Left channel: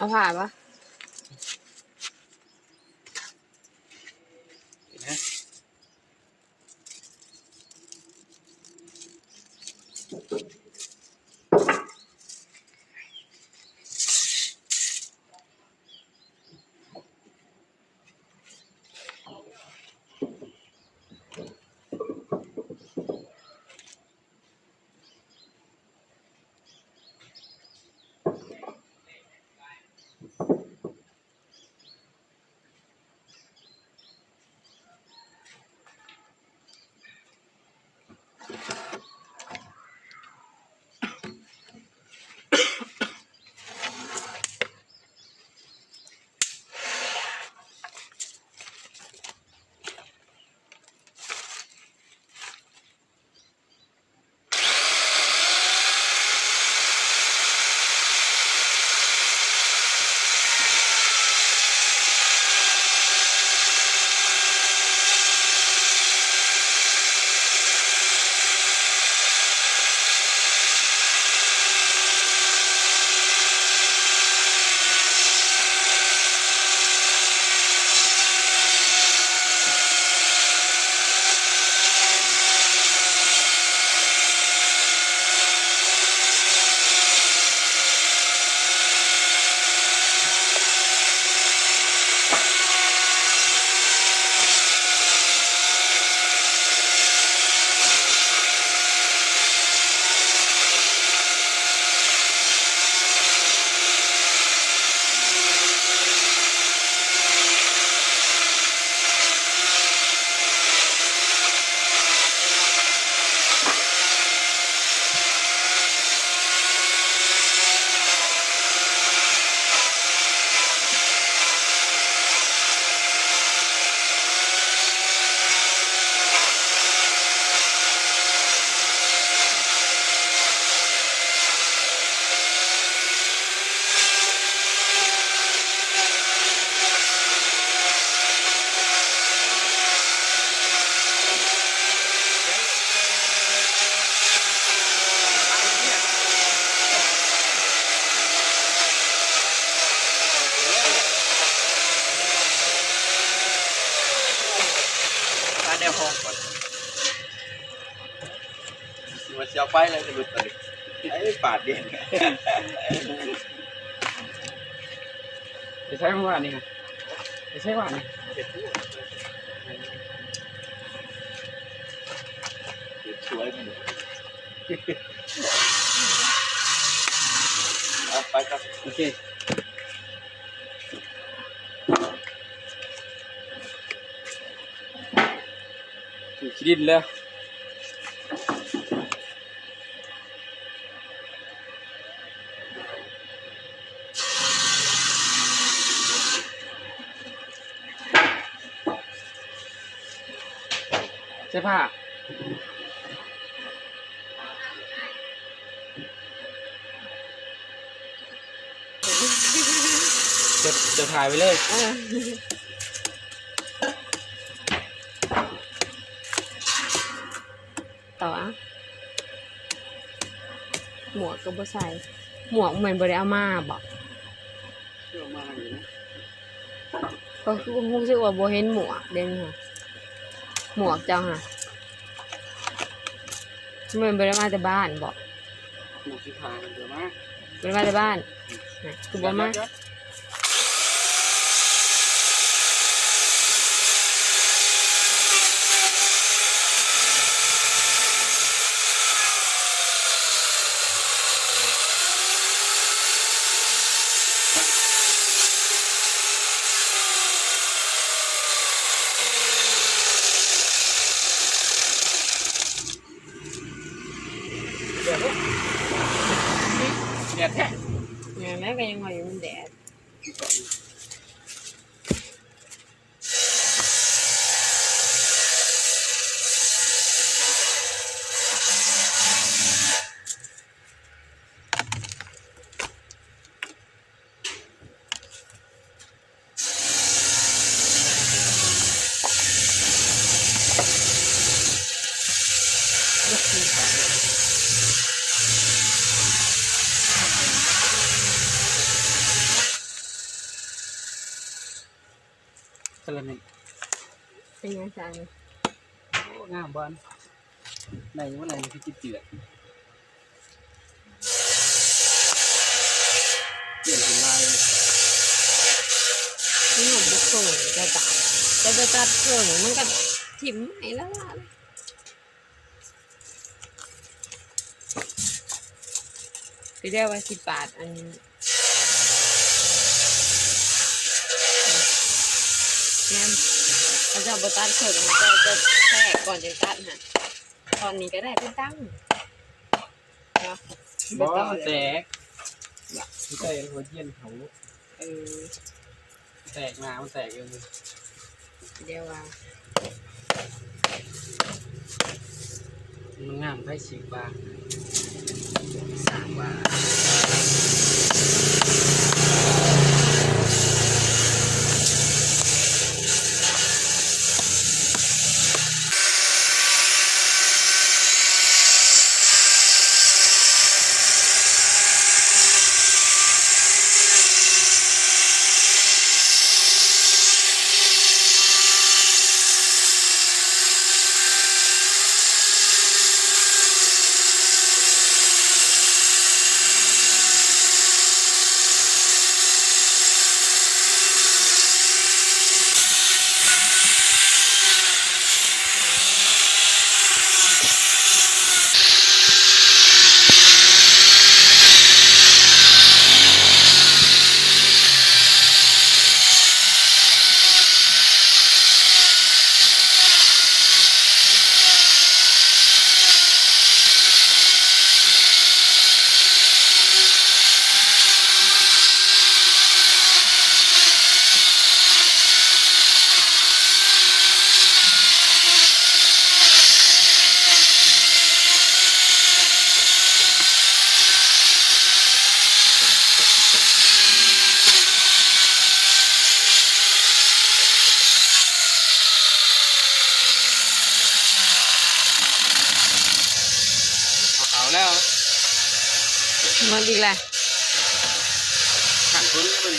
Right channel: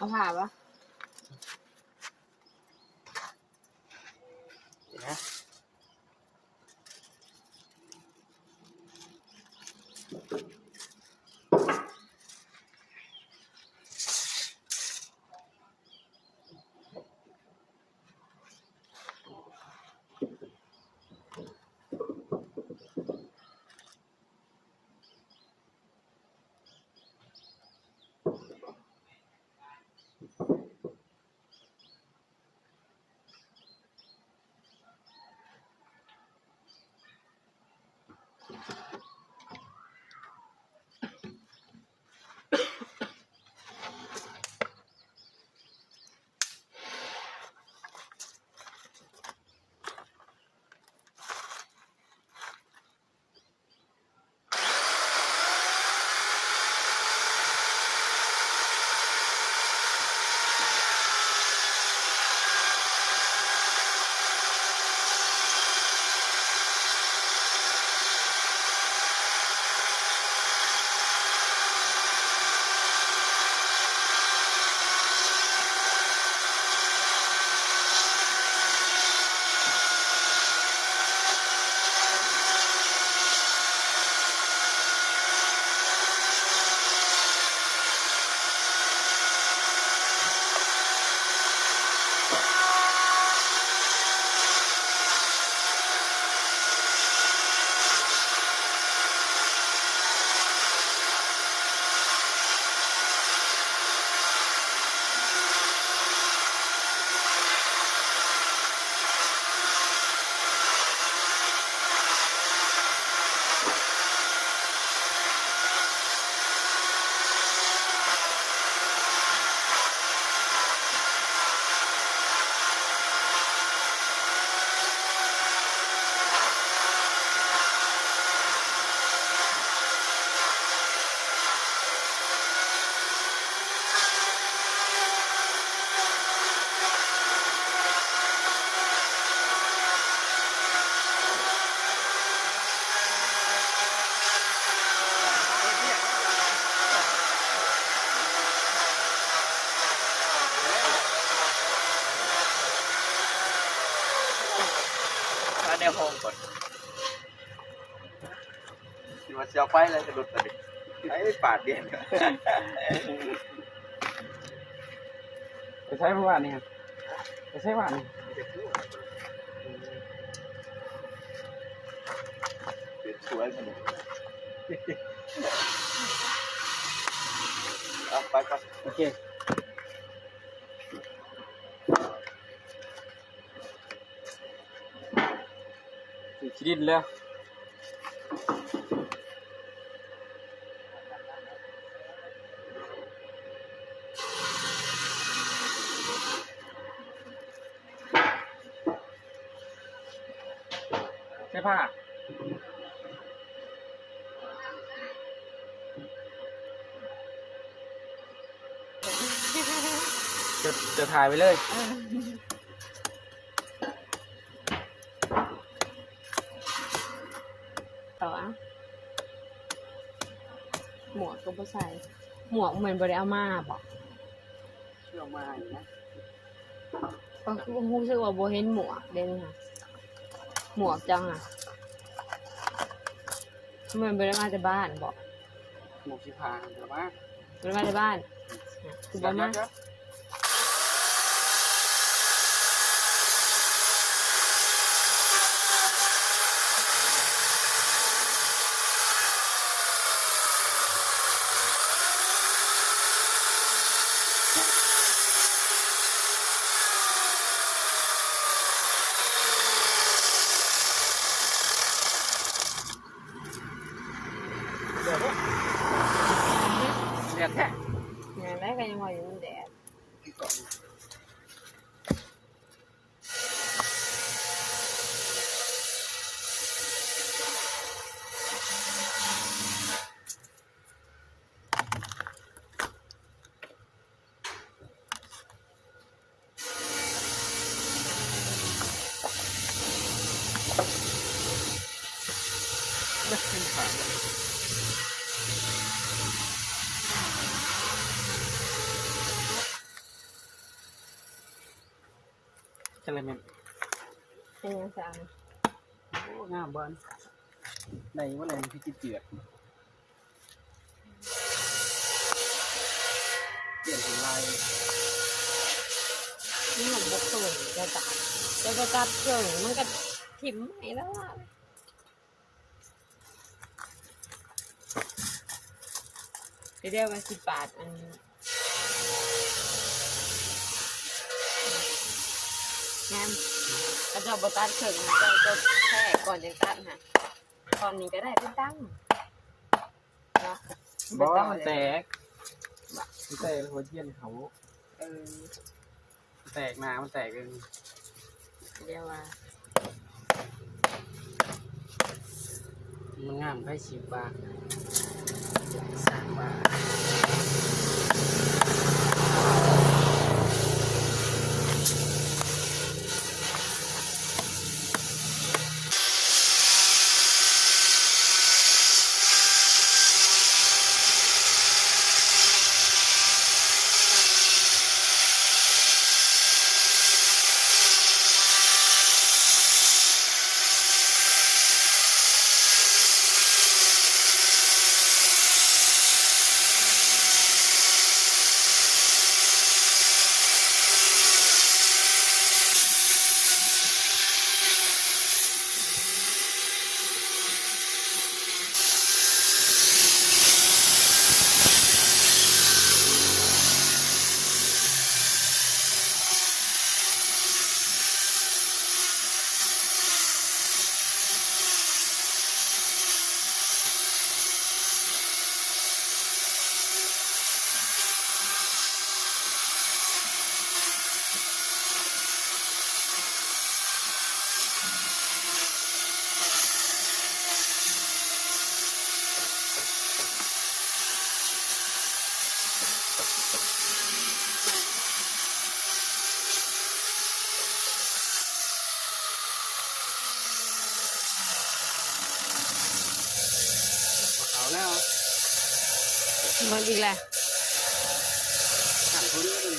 เอาผ่าปะนะแนวห้องก่อนมาเชียวไปเลยจะหลุดตัวนี้ไอ้ปาดเดียนจะใช้ว่านี่ครับจะใช้ว่านี่สวยเอาไปครับโอเคขีดินแล้วใช่ผ้าจะถ่ายไปเลยต่อหมวกก็บ่ใส่หมวกเหมือนบ่ได้เอามาบอกเอามาอยู่นะก็คือผมรู้สึกว่าบ่เห็นหมวกเด่นค่ะหมวกเจ้าค่ะเหมือนบ่ได้มาแต่บ้านบอก หมวกสีขาวเดี๋ยวมาบ่ได้มาแต่บ้านคือบ่มาเดี๋ยวแค่อย่างแรกก็ยังว่าอยู่มันแดด เป็นยังสั่ง งามบอลในว่าอะไรที่จิตเจือดเปลี่ยนเป็นลาย นี่หนูบกเขิงจะตัดเขิงมันก็ถิ่มไหนแล้วล่ะก็เรียกว่า10 บาทอันแง่ก็จะบตัดเขิงมันก็จะแทรกก่อนจะตัดนะตอนนี้ก็ได้ตั้งนะ บอลมันแตกไม่ใช่หัวเทียนเขา เออ แตกมามันแตกเอง เรียกว่า มันงามไพ่ฉีกบา3 บาทเอาแล้ว มาดีแหละ ขันทุนก็เป็น